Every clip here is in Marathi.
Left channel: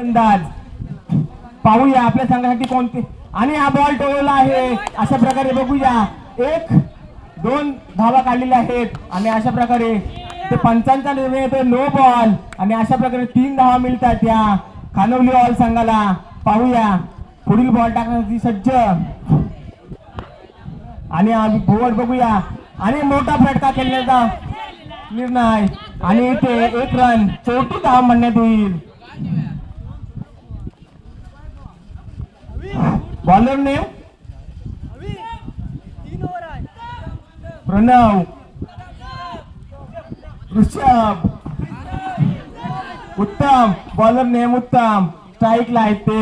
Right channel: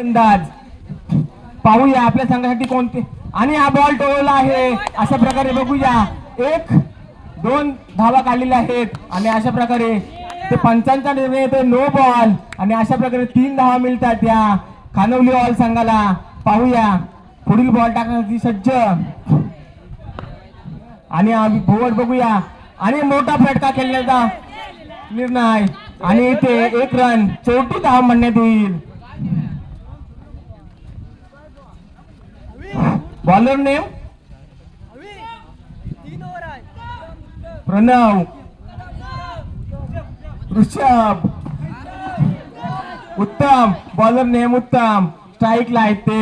फलंदाज पाहूया आपल्या संघासाठी कोणते. आणि हा बॉल टोळवला आहे. अशा प्रकारे बघूया. एक दोन धावा काढलेल्या आहेत. आणि अशा प्रकारे ते पंचांचा निर्णय येतो नो बॉल आणि अशा प्रकारे तीन धावा मिळतात या खानवली बॉल संघाला. पाहूया. पुढील बॉल टाकण्यासाठी सज्ज. आणि आम्ही बघूया. आणि मोठा फटका खेळण्याचा निर्णय. आणि इथे एक रन चौथी धाव म्हणण्यात येईल. Bowler name Pranav Rishabh Uttam bowler name उत्तम स्ट्राईकला आहेत ते.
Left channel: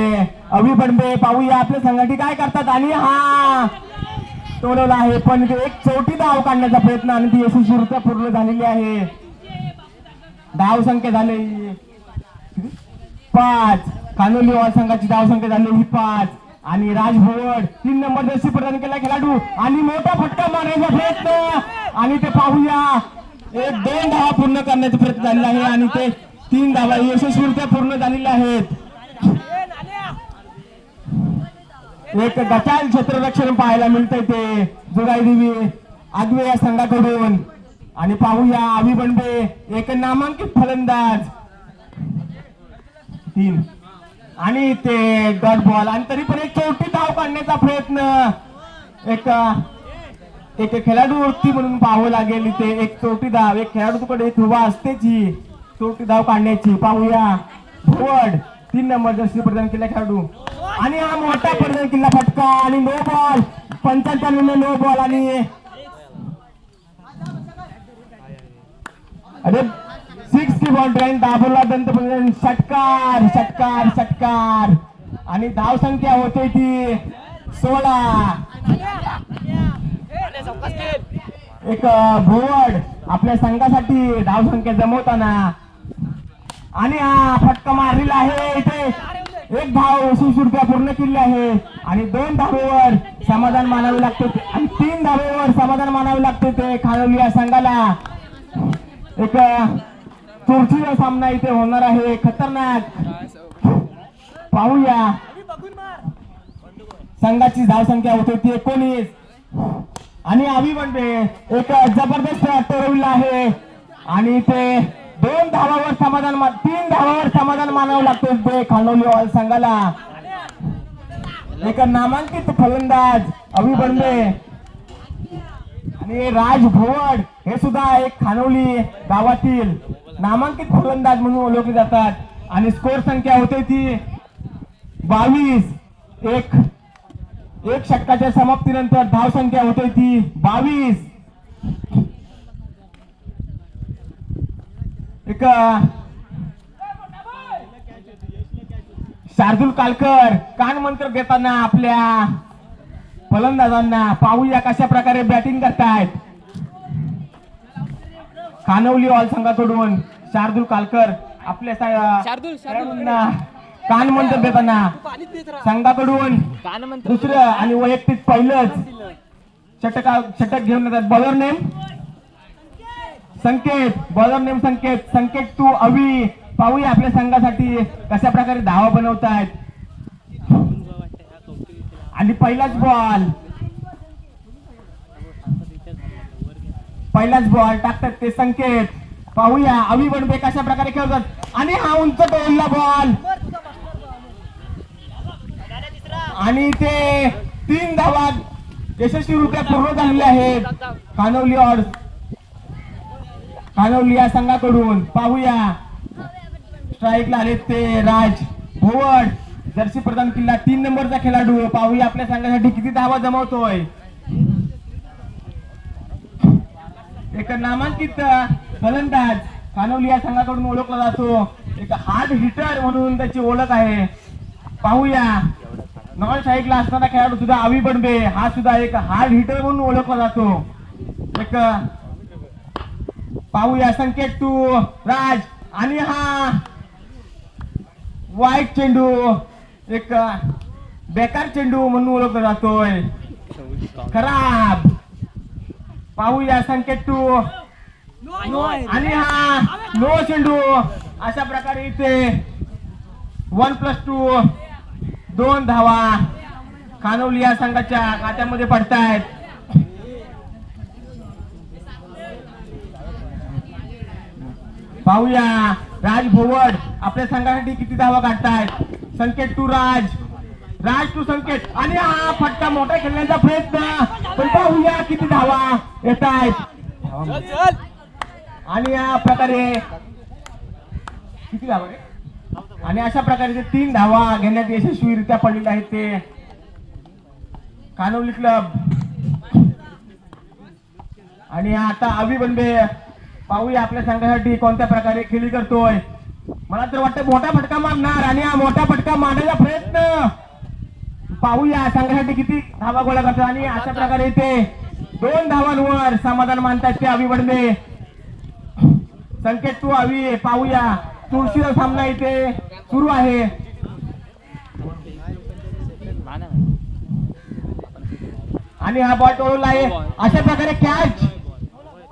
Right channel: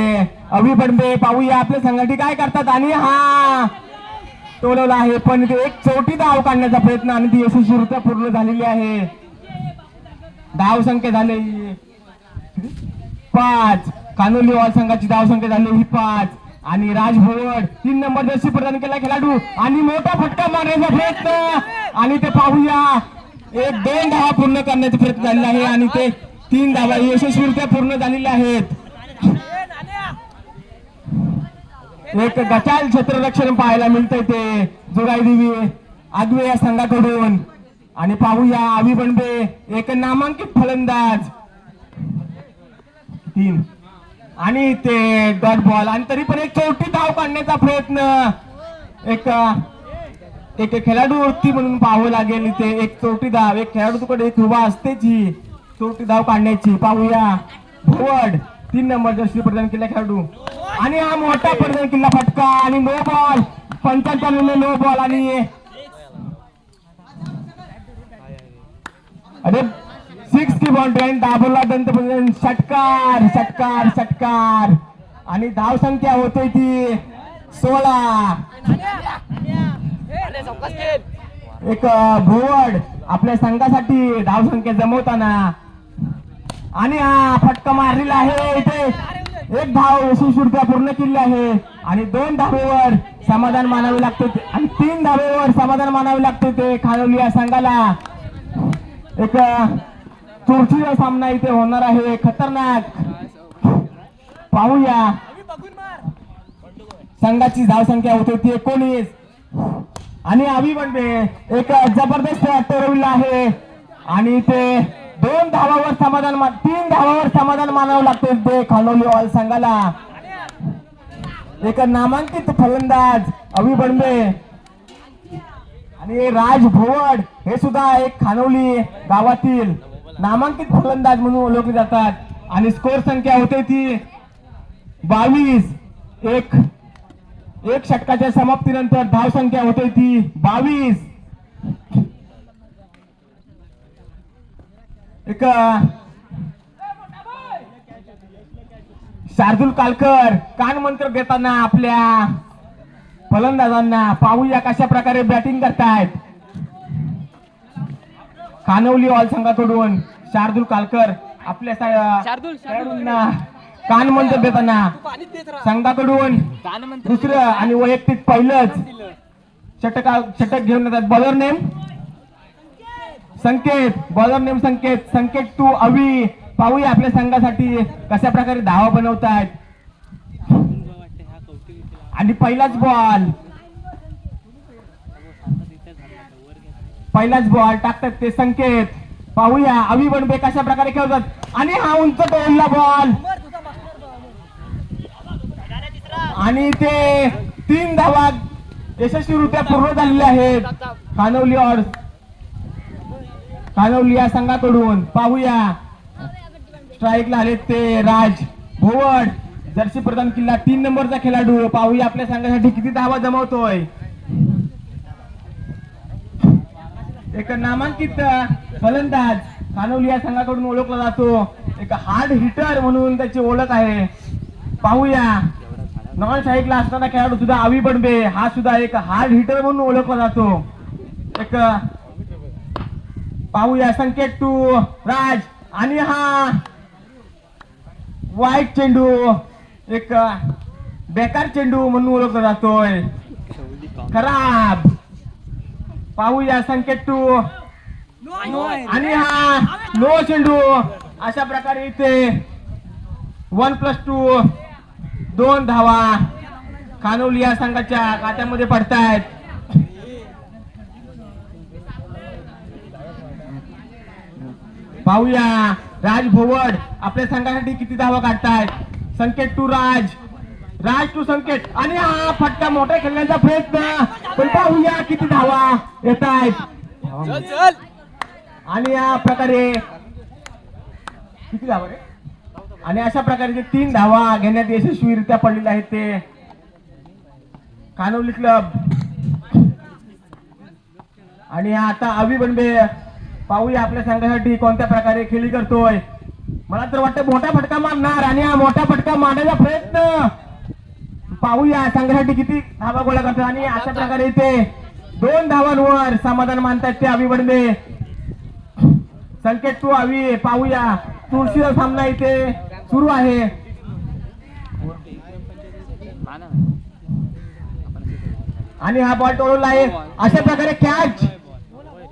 अभि बंबे पाहूया आपल्या संघाटी काय करतात आणि हा तोडवला आहे. पण ते एक चौथी धाव काढण्याचा प्रयत्न आणि ती यशस्वीरित्या पूर्ण झालेली आहे. धाव संख्या झाली. पाच. कानोली संघाची धाव संख्या झाली. ही पाच. आणि राजभवन तीन नंबर जशी प्रदान केला खेळाडू. आणि मोठा फटका मारण्याचा प्रयत्न. आणि ते पाहूया. एक दोन धावा पूर्ण करण्याचा प्रयत्न झालेला आहे आणि ते तीन धावा यशस्वीरित्या पूर्ण झालेल्या आहेत. एक गचाल क्षेत्ररक्षण पाहायला मिळतंय ते. जोगाई देवी आगवे या संघाकडून. आणि पाहूया आवी एक नामांकित फलंदाज. तीन. आणि ते डॉट बॉल. आणि तरी पण एक चौथी धाव काढण्याचा प्रयत्न. एक एक खेळाडू वृत्ती म्हणून पाहावं लागेल इथे. एक चौथी धाव. एक खेळाडूकडे एक उभा असतेच ही चौथी धाव काढण्याची. पाहूया. भोवड. तीन नंबर जर्सी प्रदान केला खेळाडू. आणि हा मोठा प्रदान केला फटका. आणि नो बॉल. पंचांचा नो बॉल. आणि अरे सिक्स की बॉल ट्रेन दाबवला दंत षटकार षटकार षटकार. आणि धाव संख्या होते ती सोळा. एक भोवड आपल्या संघासाठी धाव संख्या जमवताना. आणि हा फटका मारलेला आहे इथे. एक धाव यशस्वीरित्या पूर्ण केली आहे. आणि दोन धावेवर समाधान मानावे लागते. आणि तीन धावेवर समाधान मानावे लागते ते खानवली या संघाला. एक चुरशीचा सामना इथे होणार आहे. खतरनाक. पाहूया. संघाची धाव संख्या होते ती एकोणीस. आणि आवी बनते म्हणजे एक जबरदस्त ठरविला आहे. आणि ते दोन धावावर समाधान तीन धावावर समाधान मानावं लागते ते खानोली ऑल संघाला. एक नामांकित फलंदाज अवी बंडे आणि राज भोवड हे सुद्धा एक खानोली गावातील नामांकित फलंदाज म्हणून ओळखले जातात. आणि स्कोर संख्या होते ती बावीस. एक. एक षटकाच्या समाप्तीनंतर धाव संख्या होते ती बावीस. एक. शार्दुल कालकर कान मंत्र देताना आपल्या फलंदाजांना पाहूया कशा प्रकारे बॅटिंग करतायत. कानवली ऑल संघाकडून शार्दुल कालकर आपल्या कान मंत्र देताना. संघाकडून दुसरं आणि वैयक्तिक पहिलंच. षटक षटक घेऊन येतात. Bowler name Sanket. Bowler name Sanket. Sanket to Avi. पाहूया आपल्या संघासाठी कशा प्रकारे धावा बनवतायत. आणि पहिलाच बॉल पहिलाच बॉल टाकतात ते संकेत. पाहूया अवी बनबे कशा प्रकारे खेळतात. आणि हा उंच टोलला बॉल आणि ते तीन धावा यशस्वीरित्या पूर्ण झालेल्या आहेत. कानवली ऑर्ड कानवली या संघाकडून. पाहूया. स्ट्राईकला आले ते राज भोवड. जर्सी प्रधान किल्ला तीन नंबरचा खेळाडू. पाहूया आपल्या संघासाठी किती धावा जमवतोय. एक नामांकित फलंदाज कानवली या संघाकडून ओळखला जातो. एक हार्ड हिटर म्हणून त्याची ओळख आहे. पाहूया. नॉन साईडला असणारा खेळाडू सुद्धा आवी बनबे हा सुद्धा एक हार्ड हिटर म्हणून ओळखला जातो. एक पाहूया संकेत टू राज. आणि हा वाईट चेंडू एक बेकार चेंडू म्हणून ओळखला जातोय. खराब. पाहूया संकेत. टू आणि हा लो चेंडू. अशा प्रकारे इथे वन प्लस टू दोन धावा कानोली या संघाच्या खात्यामध्ये पडतायत. पाहूया राज भोवड आपल्या संघासाठी किती धावा काढतायत. संकेत टू राज. राज टू संकेत. आणि हा फटका मोठा खेळण्याचा प्रयत्न. पण पाहूया किती धावा. येत आहेत. आणि या प्रकारे किती धावा? आणि अशा प्रकारे जे तीन धावा घेण्यात यशस्वीरित्या पडलेले आहेत ते कानवली क्लब. आणि आता अवी बनबे पाहूया आपल्या संघासाठी कोणत्या प्रकारे खेळी करतोय. मला तर वाटतं मोठा फटका मारणार आणि हा मोठा फटका मारण्याचा प्रयत्न. पाहूया संघासाठी किती धावा गोळा करतात आणि अशा प्रकारे इथे दोन धावांवर समाधान मानतात ते अवी बनबे संकेत तू अवी पाहूया. तुळशीला सामना इथे सुरू आहे. आणि हा बॉल टोळून आहे अशा प्रकारे कॅच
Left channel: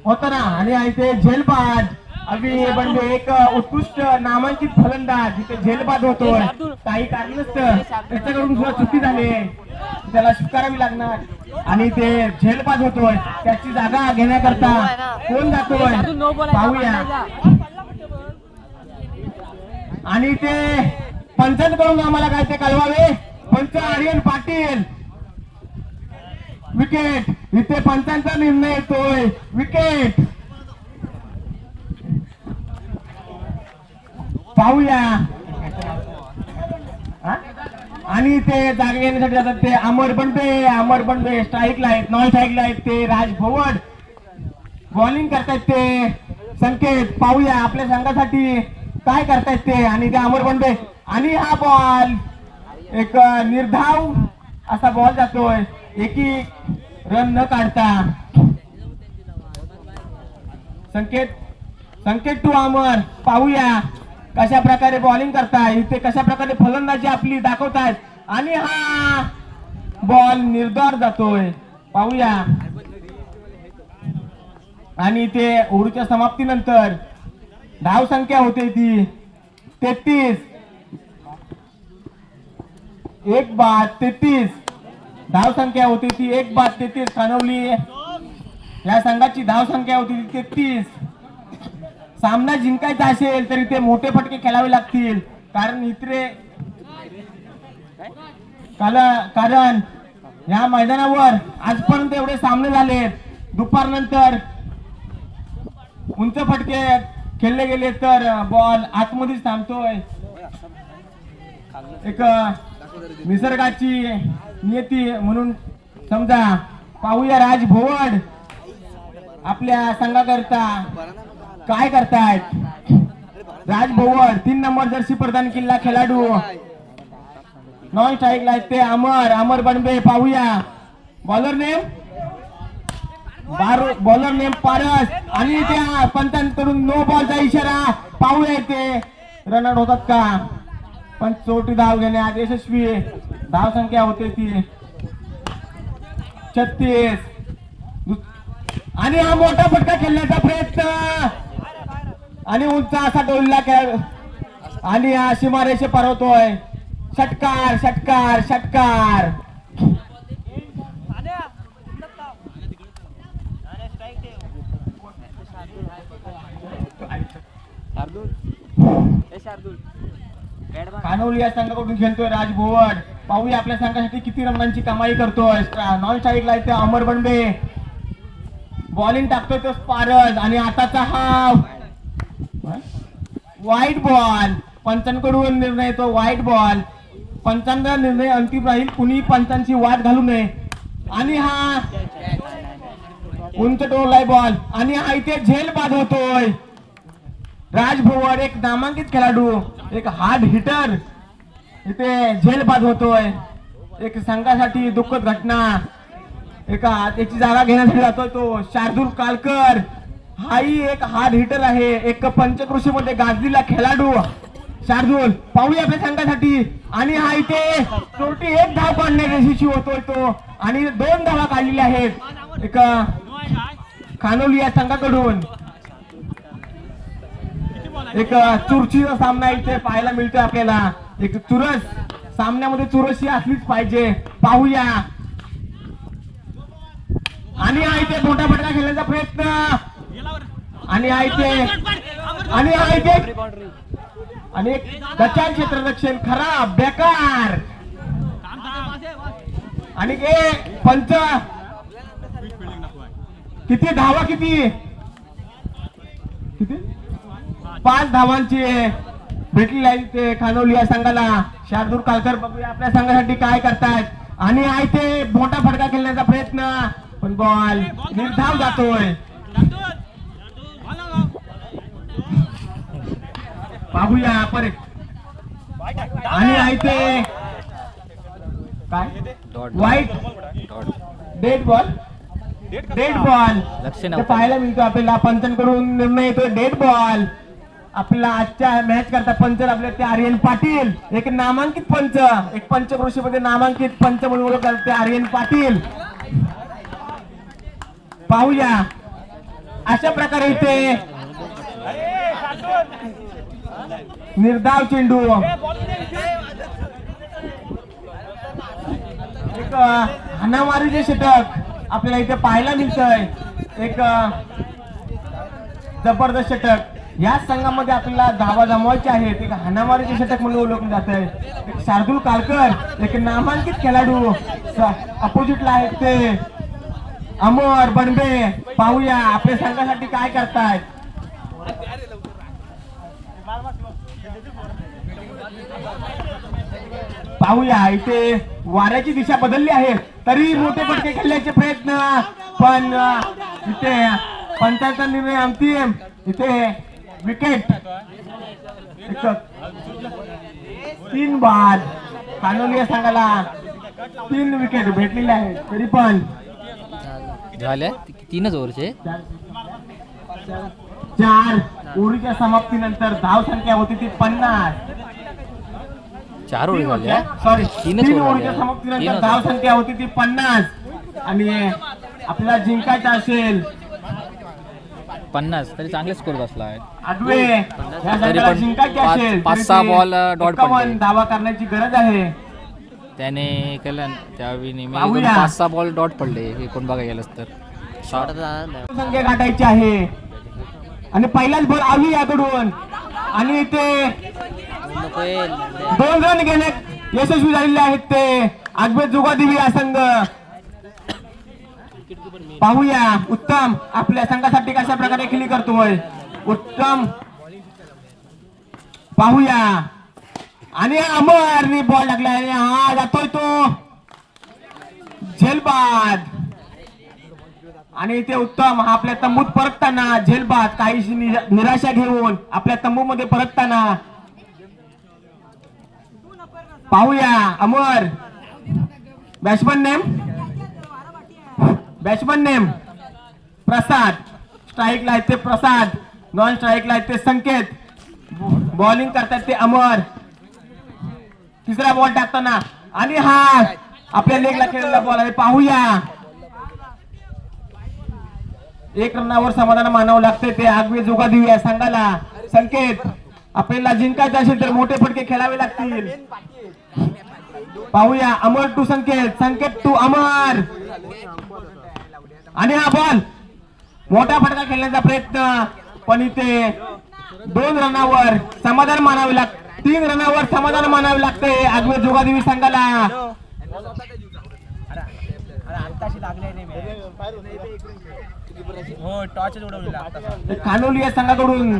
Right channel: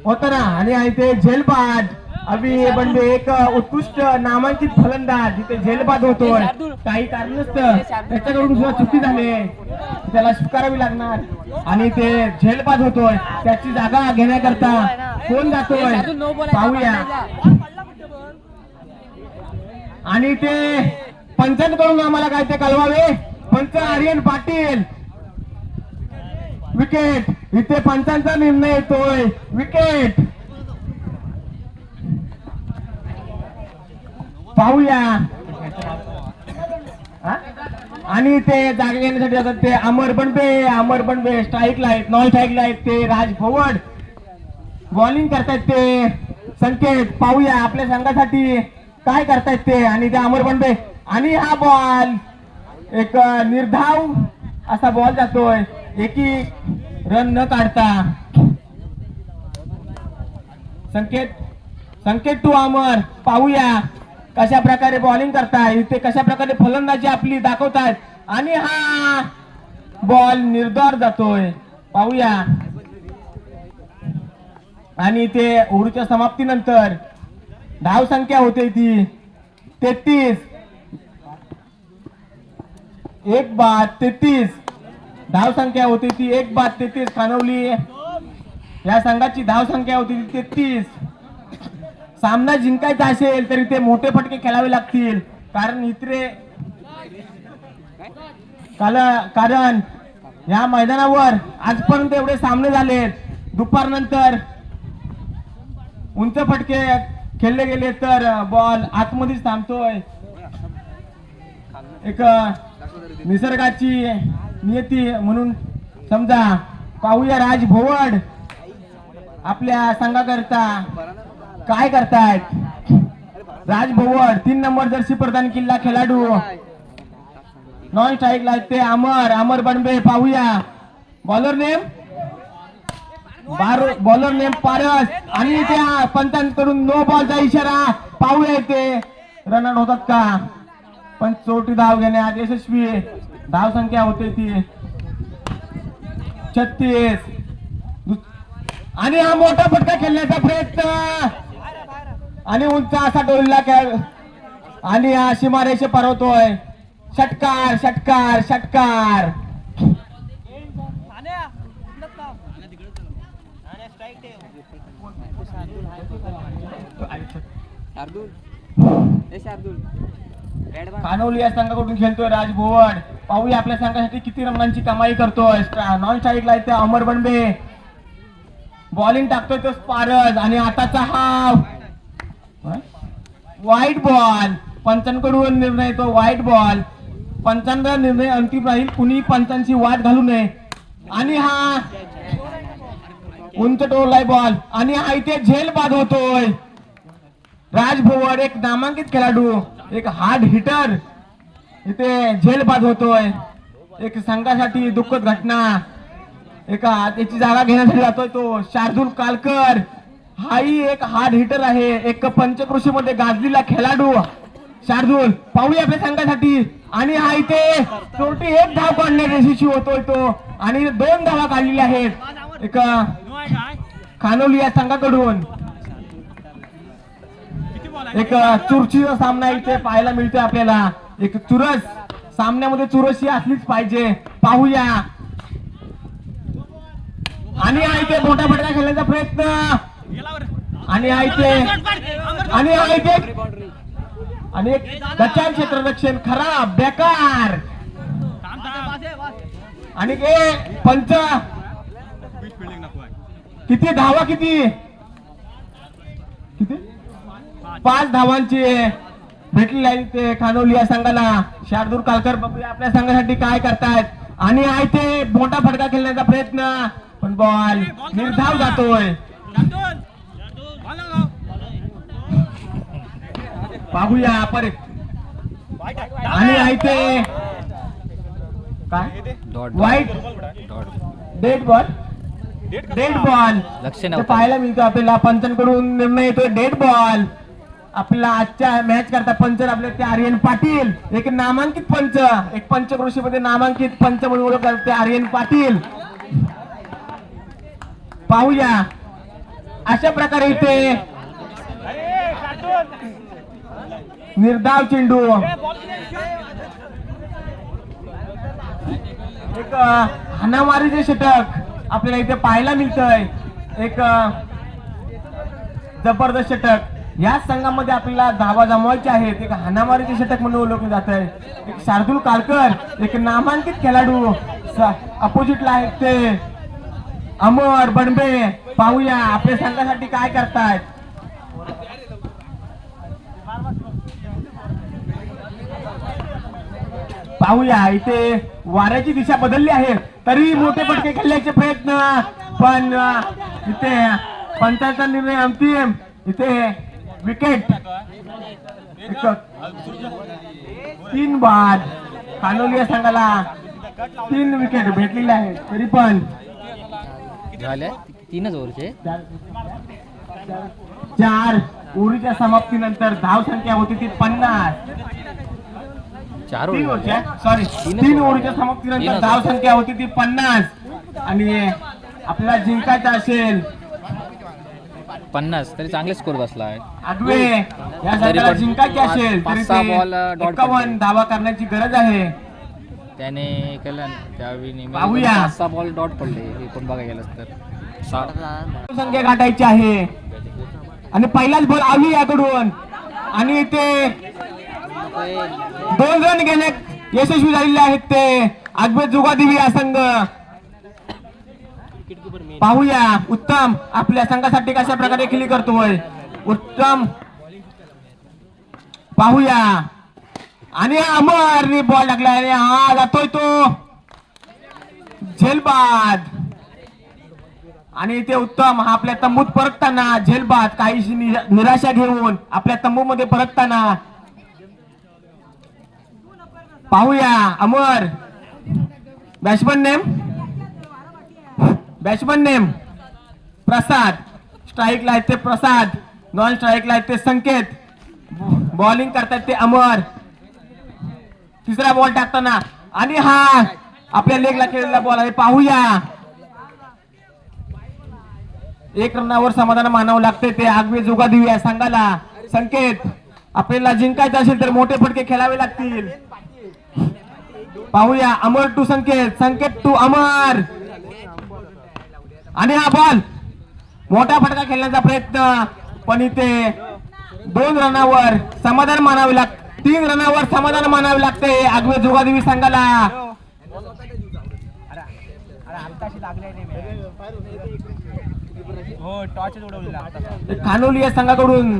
होताना. आणि इथे झेलबाद. अभि बंडे एक उत्कृष्ट नामांकित फलंदाज. इथे झेलबाद होतो काही कारण नसतं त्याच्याकडून सुद्धा चुकी झाली. त्याला स्वीकारावी लागणार. आणि ते झेलबाद होतोय. त्याची जागा घेण्याकरता कोण जातोय? पाहूया. आणि ते पंचांकडून आम्हाला काय ते कळवावे? पंच आर्यन पाटील. विकेट. इथे पंचांचा निर्णय येतोय. विकेट. पाहूया? आणि ते जागे घेण्यासाठी जातात ते अमर बनबे अमर बनबे स्ट्राईकला आहेत नॉन स्ट्राईकला आहेत ते राज भोवड बॉलिंग करतायत ते. संकेत पाहूया आपल्या संघासाठी काय करतायत ते. आणि ते अमर बनबे आणि हा बॉल एक निर्धाव असा बॉल जातोय. एकी रन न काढता. संकेत संकेत टू अमर. पाहूया. कशा प्रकारे बॉलिंग करताय? ते कशा प्रकारे फलंदाजी आपली दाखवतायत आणि हा बॉल निर्धार जातोय. पाहूया. आणि ते ओव्हरच्या समाप्तीनंतर धाव संख्या होते ती तेहतीस. एक बाद तेहतीस. धाव संख्या होती ती एक बाद तेहतीस. खानवली या संघाची धाव संख्या होती ती तेहतीस. सामना जिंकायचा असेल तर इथे मोठे फटके खेळावे लागतील. कारण इथे कारण या मैदानावर आजपर्यंत एवढे सामने झालेत. दुपारनंतर उंच फटके खेळले गेले तर बॉल आतमध्येच थांबतोय. एक निसर्गाची नियती म्हणून समजा पाहूया राज भोवड आपल्या संघाकरता. काय करतायत? राजभवन तीन नंबर जर्सी प्रदान किल्ला खेळाडू. नॉन स्ट्राईक ते अमर अमर बनबे पाहूया. Bowler name? Bowler name Paras. आणि त्या पंतांकडून नो बॉलचा इशारा पाहूया रन रनआउट होतात का? पण चोटी धाव घेण्यात यशस्वी. धाव संख्या होते ती. छत्तीस. आणि हा मोठा फटका खेळण्याचा प्रयत्न. आणि उंच असा डोलला खेळ. आणि हा सीमारेषे पारवतोय षटकार षटकार षटकार. कानोली या संघाकडून खेळतोय राज भोवड पाहूया आपल्या संघासाठी किती रंगांची कमाई करतोय. नॉन साईडला आहे ते अमर बनबे. बॉलिंग टाकतोय तो स्पारस आणि आताचा हा वाईट बॉल पंचांकडून निर्णय तो वाईट बॉल पंचांचा निर्णय अंतिम राहील. कुणी पंचांची वाट घालू नये. आणि हा उंच टोलाय बॉल आणि हा इथे झेल बाद होतोय राज एक नामांकित खेळाडू एक हार्ड हिटर इथे झेल बाद होतोय एक संघासाठी दुःखद घटना. एका त्याची जागा घेण्यासाठी जातोय तो शार्दूल कालकर. हाही एक हार्ड हिटर आहे. एक पंचकृषी मध्ये गाजलेला खेळाडू. शार्दूल पाहूया आपल्या संघासाठी. आणि हा इथे शेवटी एक धाव काढण्यात यशस्वी होतोय तो. आणि दोन धावा काढलेल्या आहेत. एक खानोली या संघाकडून. एक चुरचीचा सामना इथे पाहायला मिळतोय आपल्याला. एक चुरस सामन्यामध्ये चुरशी असलीच पाहिजे. पाहूया. आणि हा इथे मोठा फटका खेळण्याचा प्रयत्न. आणि आहे आणि आहे आणि एक क्षेत्ररक्षण खराब बेकार. आणि ए पंच. किती धावा किती? किती? पाच धावांची भेटलेली आहे ते खानवली या संघाला. शार्दूर कालकर बघू आपल्या संघासाठी काय करतायत. आणि आहे ते मोठा फटका खेळण्याचा प्रयत्न. पण बॉल निर्धाव जातोय. पाहूया परत. आणि आहे ते काय dot wide dot dead ball dead ball लक्ष पाहायला मिळतो आपल्याला पंचांकडून निर्णय येतोय. डेड बॉल आपला आजच्या मॅच करता पंच आपले ते आर्यन पाटील. एक नामांकित पंच. एक पंचक्रोशीमध्ये नामांकित पंच म्हणून ओळखतात ते आर्यन पाटील. पाहूया. अशा प्रकारे इथे निर्धाव चेंडू. एक अ, हाणामारीचे षटक आपल्याला इथे पाहायला मिळतंय. एक जबरदस्त षटक. या संघामध्ये आपल्याला धावा जमवायचे आहेत. एक हाणामारीचे षटक म्हणून ओळखले जात आहे एक शार्दूल काळकर एक नामांकित खेळाडू. अपोजिटला आहेत ते. अमर बनबे पाहूया आपल्या संघासाठी काय करतायत. पाहूया इथे वाऱ्याची दिशा बदलली आहे. तरी मोठे फटके खेळण्याचे प्रयत्न. पण इथे पंचायतचा निर्णय अंतिम इथे विकेट. तीन बाद. कानोली या संघाला तीन विकेट भेटलेले आहेत. तरी पण. झाले. तीनच ओव्हरचे. चार. ओव्हरीच्या समाप्तीनंतर धाव संख्या होती ती पन्नास. चार ओव्हर झाले. सॉरी तीन. समाप्तीनंतर तीनच. धाव. संख्या होती ती पन्नास. आणि आपल्याला जिंकायचं असेल. पन्नास. तरी चांगले स्कोर बसला आहे. तरी पण पाच- सहा dot एक्कावन्न पडले. धावा करण्याची गरज आहे. त्याने केलं त्यावेळी. पाच सहा बॉल डॉट पडले. एकूण बघायला गेलंस तर. संख्या गाठायची आहे. आणि पहिलाच बॉल आली याकडून. आणि ते दोन रन घेण्यात यशस्वी झालेले आहेत ते आगबे जुगादेवी हा संघ. पाहूया उत्तम आपल्या संघासाठी कशा प्रकारे खेळी करतोय उत्तम. पाहूया. आणि अमर बॉल लागला आणि हा जातोय तो. झेलबाद. आणि इथे उत्तम हा आपल्या तंबूत परतताना झेलबाद काहीशी निराशा घेऊन आपल्या तंबू मध्ये परतताना पाहूया Amar. Batsman name? Batsman name? Prasad. स्ट्राईकला आहेत ते प्रसाद. नॉन स्ट्राईकला आहेत ते संकेत. बॉलिंग करतात ते अमर. तिसरा बॉल टाकताना. आणि हा आपल्या लेगला खेळलेला बॉल आहे. पाहूया. एक रनावर समाधान मानावं लागते ते. आगवी जोगा देऊया सांगायला संकेत. आपल्याला जिंकायचं असेल तर मोठे फटके खेळावे लागतील. पाहूया अमर टू संकेत. संकेत टू अमर. आणि हा बॉल मोठा फटका खेळण्याचा प्रयत्न पण इथे दोन रनावर समाधान मानावे लाग तीन रनावर समाधान मानावे लागते आगवे जोगादेवी संघाला. हो खानोली या संघाकडून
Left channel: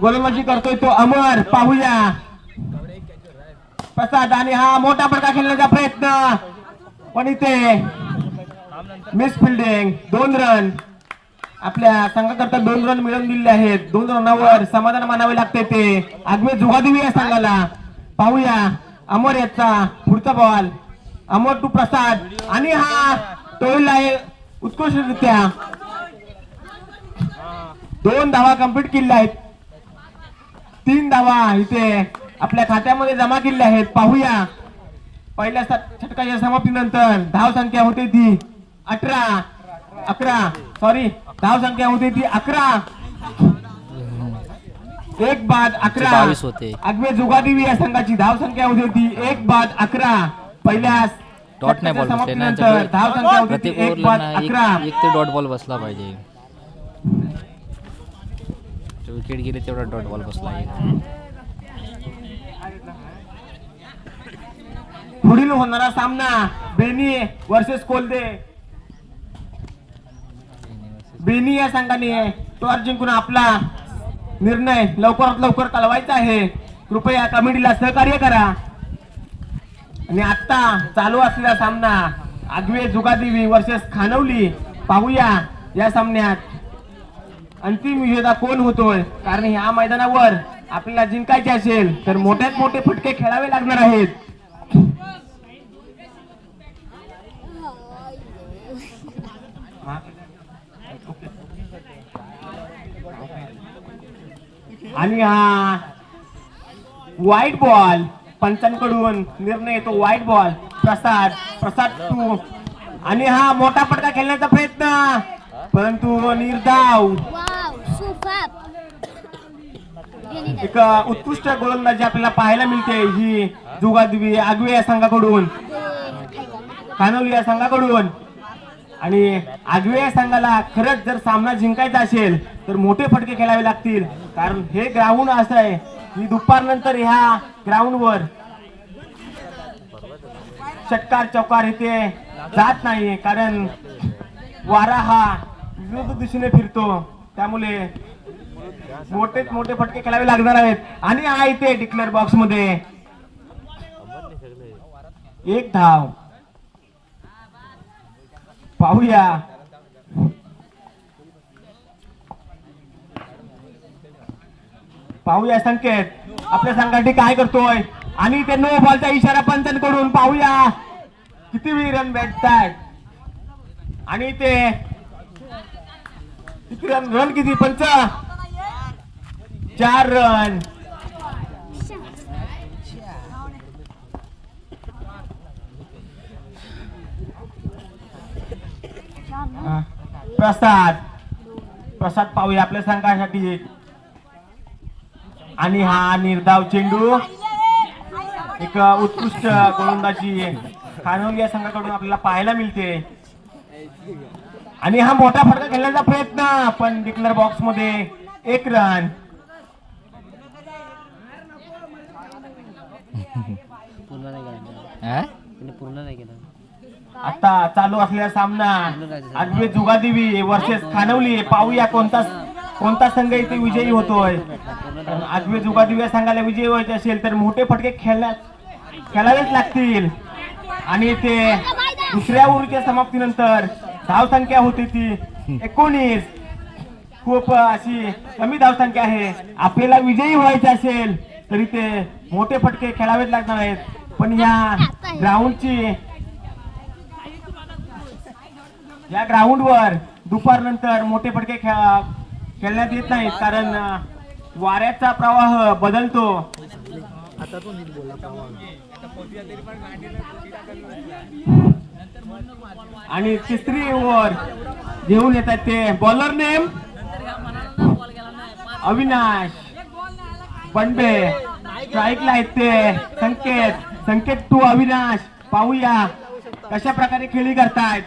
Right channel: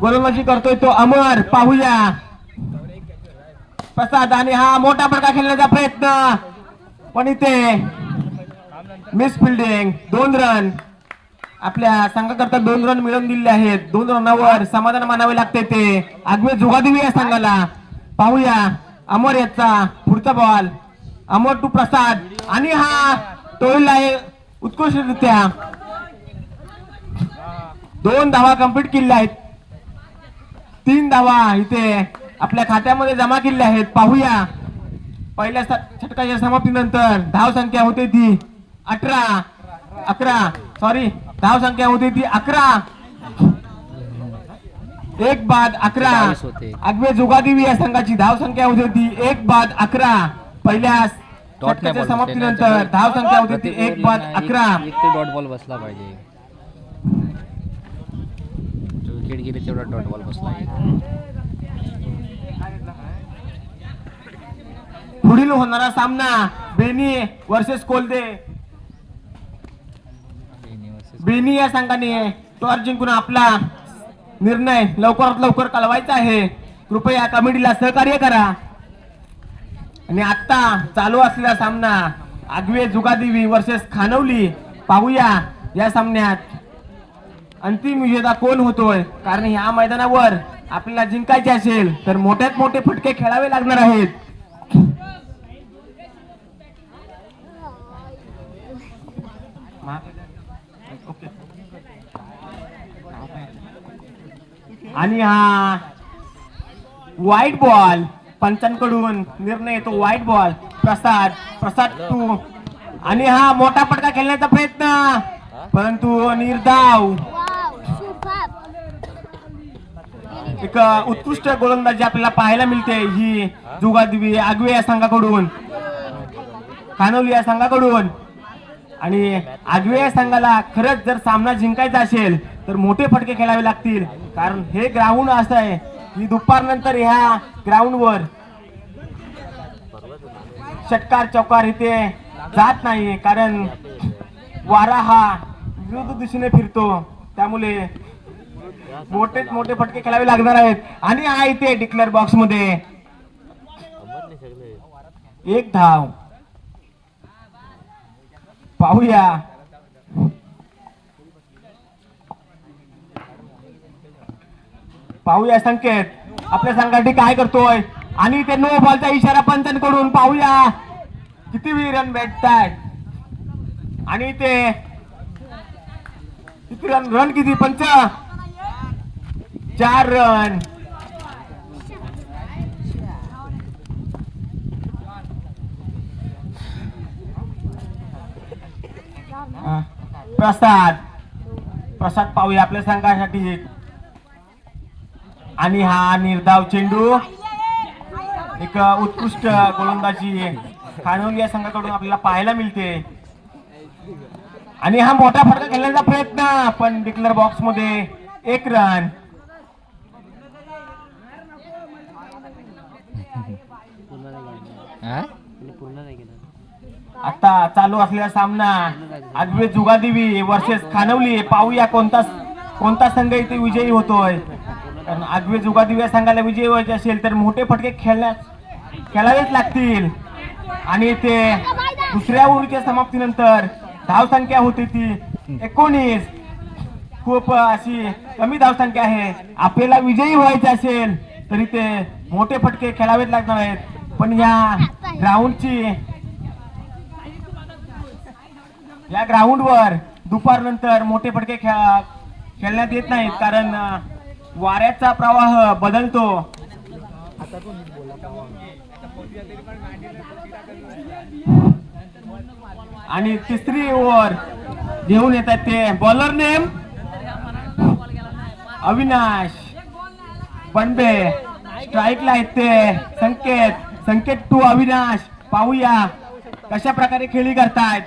गोलंदाजी करतोय तो अमर. पाहूया. प्रसाद आणि हा मोठा फटका खेळण्याचा प्रयत्न. पण इथे मिस फिल्डिंग दोन रन आपल्या संघाकरता दोन रन मिळवून दिले आहेत. दोन रनावर समाधान मानावे लागते ते. आगवे जुगादेवी या संघाला. पाहूया अमर याचा पुढचा बॉल अमर टू प्रसाद. आणि हा टोळीला आहे उत्कृष्टरित्या. दोन धावा कंप्लीट केल्या आहेत. तीन धावा इथे आपल्या खात्यामध्ये जमा केल्या आहेत. पाहूया. पहिल्या षटकाच्या समाप्तीनंतर धाव संख्या होती ती अठरा अकरा सॉरी धाव संख्या होती ती अकरा. एक बाद अकरा. आगवे जुगादेवी या संघाची धाव संख्या होती ती एक बाद अकरा. पहिल्या डॉट नाही बॉल बसले धाव संख्या होती एक बाद अकरा. एक ते डॉट बॉल बसला पाहिजे. विकेट गेली तेवढा डॉट बॉल बसला पुढील होणारा सामना बेनी वर्सेस कोलदे. बेनी या संघाने टॉर जिंकून आपला निर्णय लवकरात लवकर कळवायचा आहे. कृपया कमिटीला सहकार्य करा. आणि आता चालू असलेला सामना आगवे जुगादेवी वर्सेस खानवली. पाहूया या सामन्यात अंतिम विजेता कोण होतोय? कारण ह्या मैदानावर आपल्याला जिंकायचे असेल तर मोठ्यात मोठे फटके खेळावे लागणार आहेत. आणि हा व्हाईट बॉल पंचांकडून निर्णय येतो wide ball Prasad Prasad to आणि हा मोठा फटका खेळण्याचा प्रयत्न. परंतु निर्धाव एक उत्कृष्ट गोलंदाजी आपल्याला पाहायला मिळते ही जुगादवी आगवे या संघाकडून. खानवली या संघाकडून. आणि आगवे या संघाला खरंच जर सामना जिंकायचा असेल तर मोठे फटके खेळावे लागतील. कारण हे ग्राउंड असं आहे. की दुपारनंतर ह्या ग्राउंडवर षटकार चौकार इथे जात नाही कारण वारा हा विरुद्ध दिशेने फिरतो. त्यामुळे मोठेच मोठे फटके खेळावे लागणार आहेत. आणि हा इथे डिक्लेअर बॉक्समध्ये एक धाव. पाहूया. पाहूया संकेत. आपल्या संघासाठी काय करतोय? आणि ते नो बॉलचा इशारा पंचांकडून पाहूया. किती रन भेटतात आणि ते किती रन रन किती? पंच? चार रन प्रसाद. प्रसाद पाहूया आपल्या संघासाठी. आणि हा निर्धाव चेंडू. एक उत्कृष्ट गोलंदाजी. खानवली या संघाकडून आपल्याला पाहायला मिळते. आणि हा मोठा फटका खेळण्याचा प्रयत्न पण डिक्लेअर बॉक्समध्ये एक रन. हा? आता चालू असलेला सामना. आगवे जुगादेवी वर्सेस खानवली पाहूया कोणता कोणता संघ इथे विजयी होतोय. कारण आगवे जुगादेवी या संघाला विजयी व्हायचे असेल तर मोठे फटके खेळण्या खेळावेच लागतील. आणि ते दुसऱ्या ओव्हरच्या समाप्तीनंतर धाव संख्या होती ती एकोणीस. खूप अशी कमी धावसंख्या आहे. आपल्याला विजयी व्हायचे असेल तरी ते मोठे फटके खेळावेच लागणार आहेत. पण या ग्राउंडची या ग्राउंडवर दुपारनंतर मोठे फटके खेळ खेळण्यात येत नाहीत कारण वाऱ्याचा प्रवाह बदलतो. आणि तिसरी ओव्हर घेऊन येतात ते बॉलर नेम अविनाश बंडे. स्ट्राईकला आहेत ते. संकेत संकेत टू अविनाश. पाहूया कशा प्रकारे खेळी करतायत.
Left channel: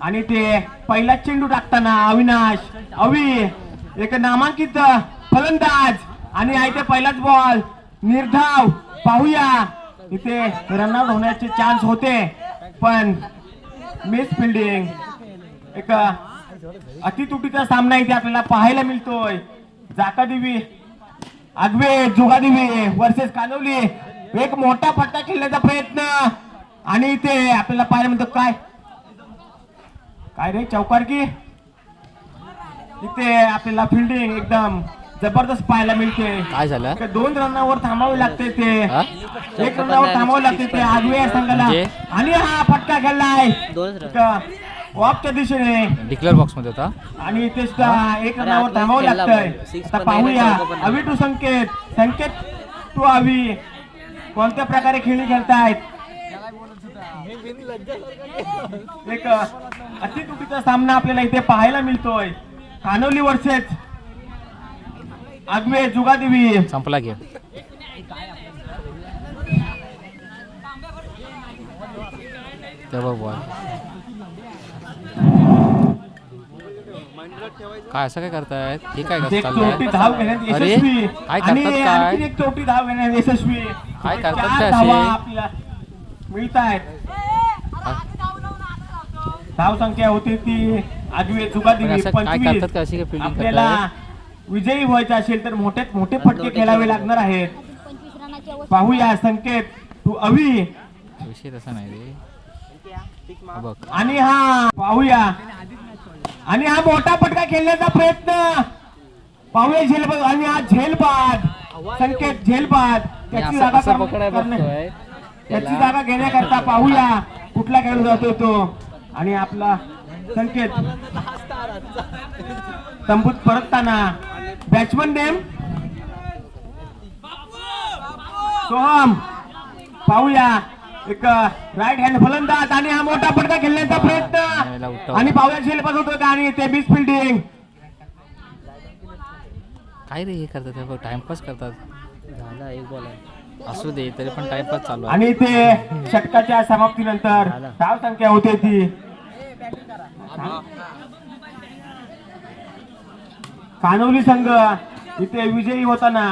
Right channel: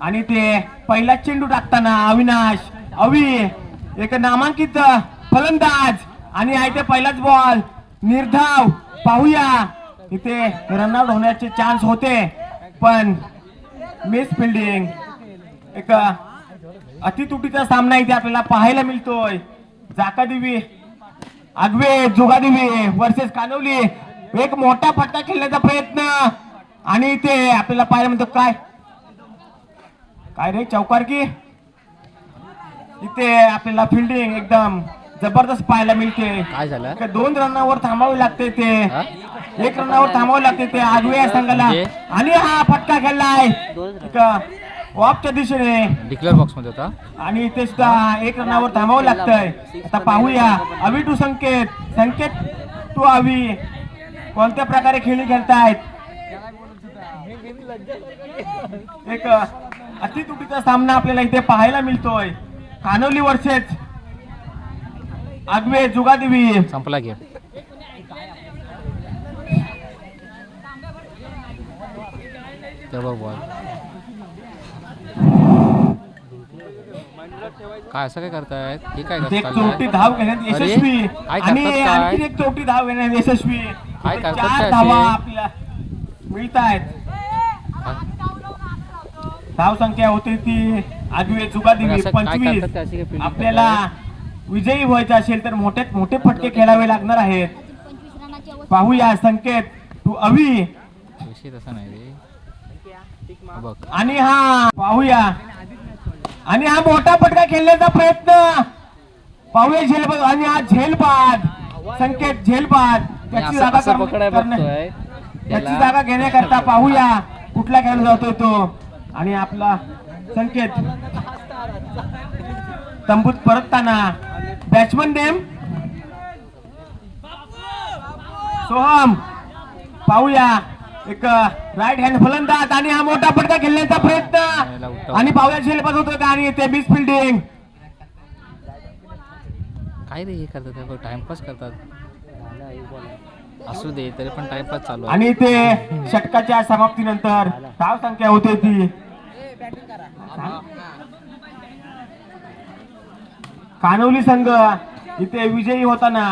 आणि ते पहिला चेंडू टाकताना अविनाश अवि एक नामांकित फलंदाज. आणि आहे ते पहिलाच बॉल निर्धाव पाहूया. इथे रनआउट होण्याचे चान्स होते. पण मिस फिल्डिंग एक अतितुटीचा सामना इथे आपल्याला पाहायला मिळतोय. जाकादेवी आगवे जोगादेवी वर्सेस कानवली. एक मोठा फटका खेळण्याचा प्रयत्न. आणि ते आपल्याला पाहायला मिळतो काय? काय रे चौकार की? इथे आपल्याला फिल्डिंग एकदम जबरदस्त पाहायला मिळते. काय झालं? दोन रनावर थांबावे लागते ते हा? एक रनावर थांबावं लागते ते आगवे या संघाला. म्हणजे? आणि हा फटका खेळलाय ऑफच्या दिशेने. डिक्लेअर बॉक्समध्ये होता? आणि इथे सुद्धा एक रनावर थांबावं लागतंय. आता पाहूया. अवी टू संकेत. संकेत टू अवी. कोणत्या प्रकारे खेळी खेळतायत? एक अतितुटीचा सामना आपल्याला इथे पाहायला मिळतोय. कानोली वर्सेस आगवे जुगादेवी. संपला गेम. बॉल काय असं काय करतायत? हे काय धाव घेण्यात अरे यशस्वी. काय आणि करतात काय एक चोटी धाव घेण्यात यशस्वी. काय करतात असे? आपल्या मिळत आहेत धाव संख्या होती ती आगवे जुगादेवी असं काय पंचवीस आपल्याला विजयी व्हायचं असेल तर मोठ्यात मोठे फटके खेळावे लागणार आहेत. पाहूया संकेत. तू अवी. तसा नाही हा आणि हा पाहूया. आणि हा मोठा पटका खेळण्याचा प्रयत्न. पाहूया झेलबाद आणि हा झेलबाद. संकेत झेलबाद. त्याची जागा घेण्याकरता पाहूया. कुठला खेळला जातोय तो? आणि आपला संकेत. तंबूत परतताना. Batsman name Soham. पाहूया. एक राईट हँड फलंदाज आणि हा मोठा पडदा खेळण्याचा प्रयत्न. आणि पाहूया झेलबाद होतो आणि ते मिस फिल्डिंग काय रे हे करतात? टाइमपास करतात. असू दे तरी पण टाइमपास चालू आहे. आणि ते षटकाच्या समाप्तीनंतर धाव संख्या होते ती. कानवली संघ इथे विजयी होताना